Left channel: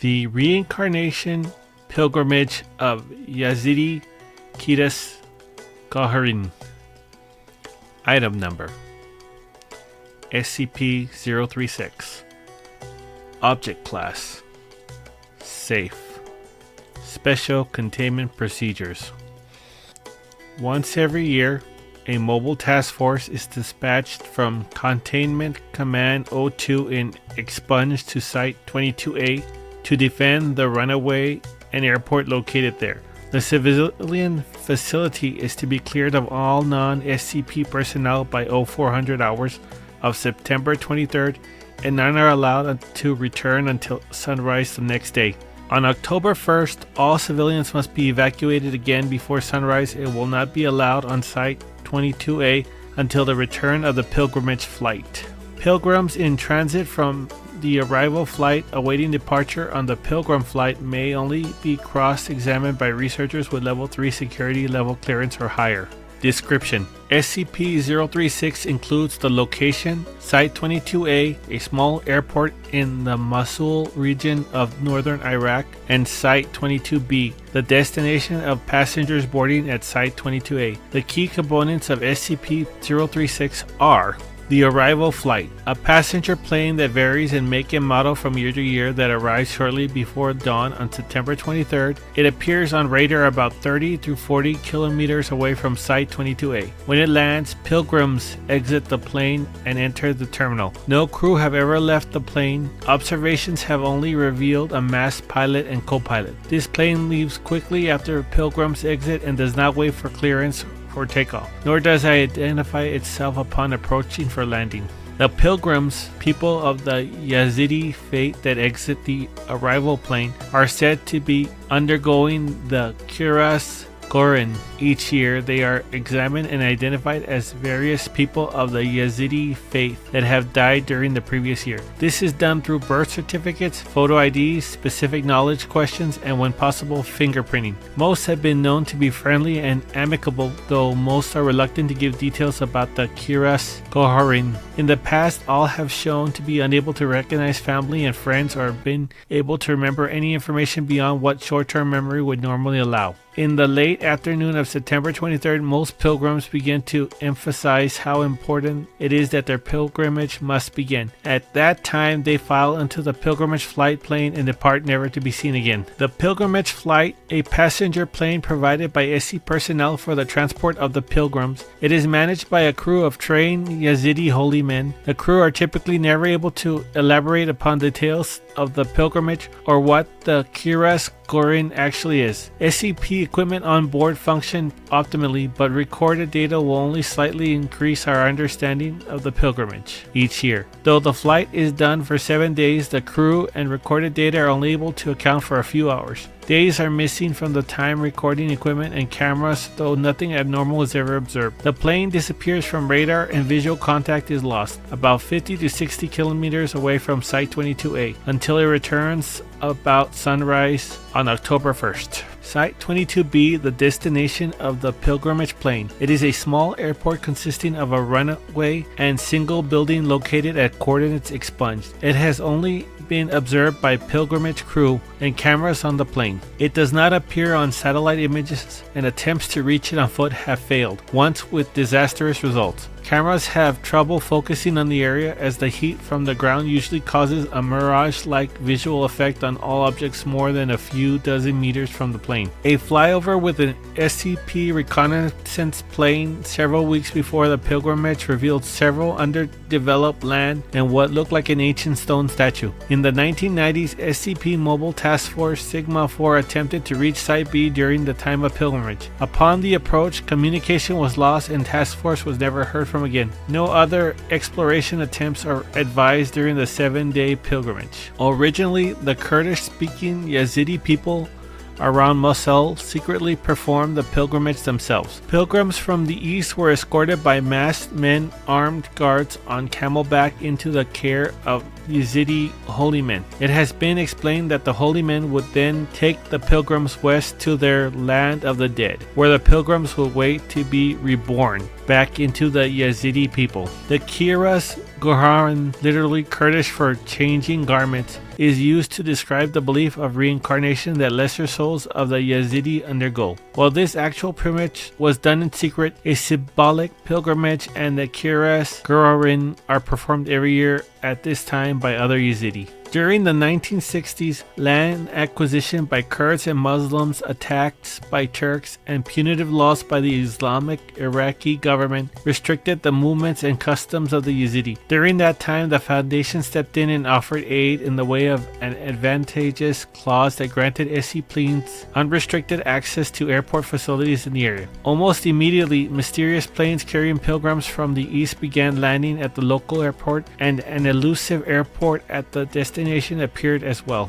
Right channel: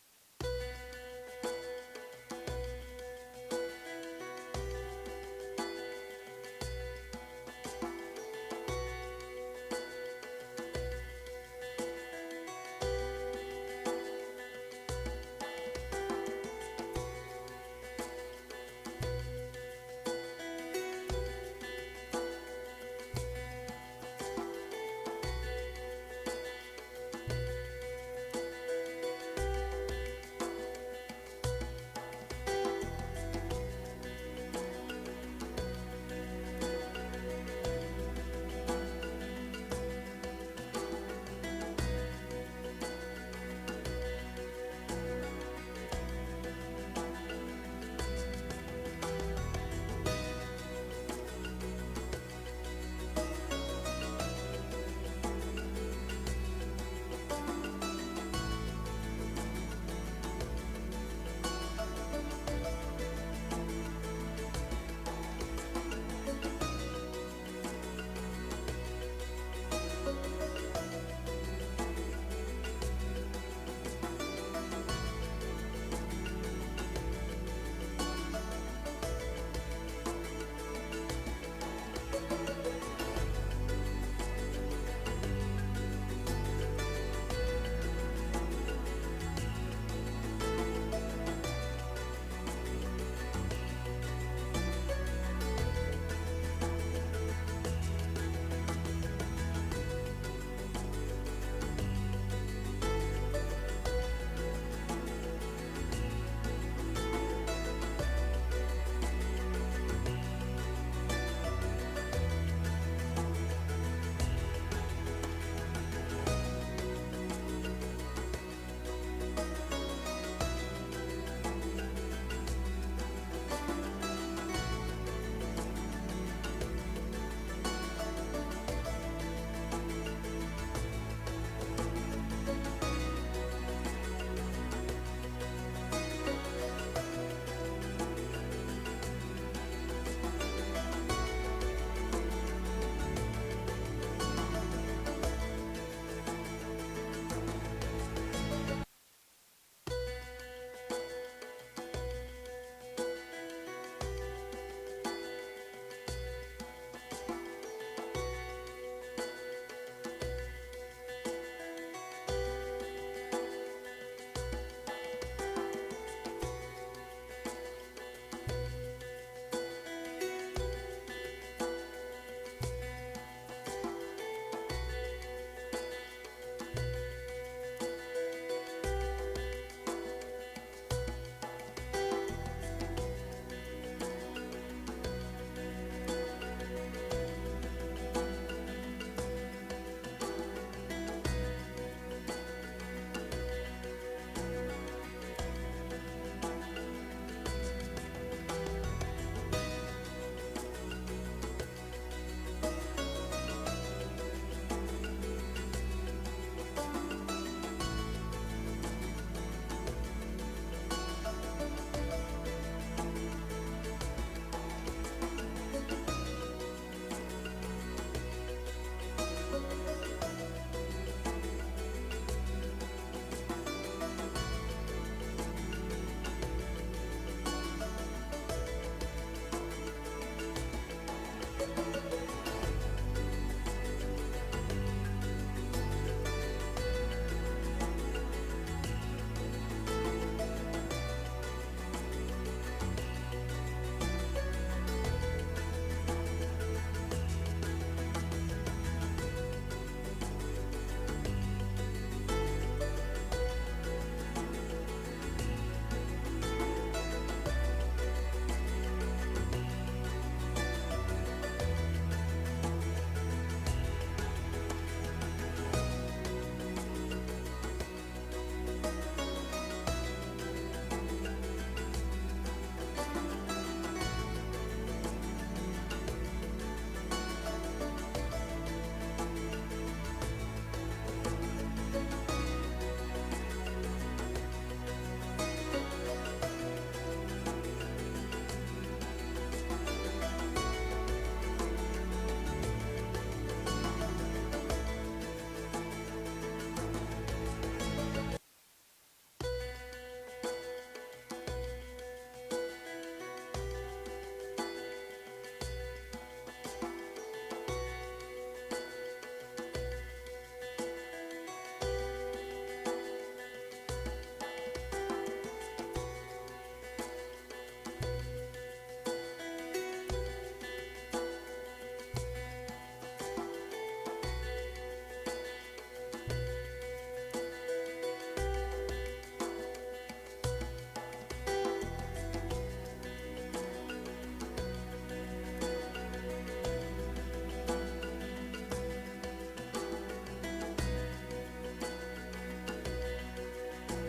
The Reincarnation Pilgrimage of Yazidi Kidas Gaharin. Item Number SCP-036. Object Class Safe. Special Containment Procedures. Once every year, a mobile task force is dispatched from Containment Command O2 in Expunge to Site 22A to defend the runaway and airport located there. The civilian facility is to be cleared of all non-SCP personnel by 0400 hours of September 23rd, and none are allowed to return until sunrise the next day. On October 1st, all civilians must be evacuated again before sunrise and will not be allowed on Site 22A until the return of the pilgrimage flight. Pilgrims in transit from the arrival flight awaiting departure on the pilgrim flight may only be cross-examined by researchers with level 3 security level clearance or higher. Description: SCP-036 includes the location, Site 22A, a small airport in the Mosul region of northern Iraq, and Site 22B, the destination of passengers boarding at Site 22A. The key components of SCP-036 are: the arrival flight, a passenger plane that varies in make and model from year to year that arrives shortly before dawn on September 23rd. It appears on radar about 30 to 40 kilometers away from Site 22A. When it lands, pilgrims exit the plane and enter the terminal. No crew have ever left the plane. Observations have only revealed a masked pilot and co-pilot. This plane leaves quickly after pilgrims exit and does not wait for clearance for takeoff, nor does it identify itself upon approaching for landing. The pilgrims, people of the Yazidi faith that exit the arrival plane, are said to be undergoing the Kiras Gorin. Each year, they are examined and identified as various people of the Yazidi faith that have died during the previous year. This is done through birth certificates, photo IDs, specific knowledge questions, and when possible, fingerprinting. Most have been known to be friendly and amicable, though most are reluctant to give details about the Kiras Goharin. In the past, all have shown to be unable to recognize family and friends or have been able to remember any information beyond what short-term memory would normally allow. In the late afternoon of September 23rd, most pilgrims begin to emphasize how important it is that their pilgrimage must begin. At that time, they file into the pilgrimage flight plane and depart, never to be seen again. The pilgrimage flight, a passenger plane provided by SC personnel for the transport of the pilgrims. It is managed by a crew of trained Yazidi holy men. The crew are typically never able to elaborate upon details of the pilgrimage or what the Kiras Gorin actually is. SCP equipment on board function optimally, but recorded data will only slightly increase our understanding of the pilgrimage each year. Though the flight is done for 7 days, the crew and recorded data are only able to account for a few hours. Days are missing from the time recording equipment and cameras, though nothing abnormal is ever observed. The plane disappears from radar and visual contact is lost, about 50 to 60 kilometers away from Site 22A, until it returns about sunrise on October 1st. Site 22B, the destination of the pilgrimage plane. It is a small airport consisting of a runway and single building located at coordinates expunged. It has only been observed by pilgrimage crew and cameras on the plane. It does not appear on satellite images, and attempts to reach it on foot have failed, once with disastrous results. Cameras have trouble focusing on the area as the heat from the ground usually causes a mirage-like visual effect on all objects more than a few dozen meters from the plane. A flyover with an SCP reconnaissance plane several weeks before the pilgrimage revealed several underdeveloped land and what looked like an ancient stone statue. In the 1990s, SCP Mobile Task Force Sigma-4 attempted to reach Site B during the time of pilgrimage. Upon the approach, communication was lost and Task Force was never heard from again. No other exploration attempts are advised during the 7-day pilgrimage. Originally, the Kurdish-speaking Yazidi people around Mosul secretly performed the pilgrimage themselves. Pilgrims from the east were escorted by masked men, armed guards on camelback into the care of Yazidi holy men. It has been explained that the holy men would then take the pilgrims west to their land of the dead, where the pilgrims would wait to be reborn back into the Yazidi people. The Kiras Goharan, literally Kurdish for changing garments, is used to describe the belief of reincarnation that lesser souls of the Yazidi undergo. While this actual pilgrimage was done in secret, a symbolic pilgrimage and the Kiras Goharan are performed every year at this time by other Yazidi. During the 1960s, land acquisition by Kurds and Muslims, attacks by Turks, and punitive laws by the Islamic Iraqi government restricted the movements and customs of the Yazidi. During that time, the Foundation stepped in and offered aid in the way of an advantageous clause that granted SCPs unrestricted access to airport facilities in the area. Almost immediately, mysterious planes carrying pilgrims from the east began landing at the local airport, and an elusive airport at the destination appeared as well.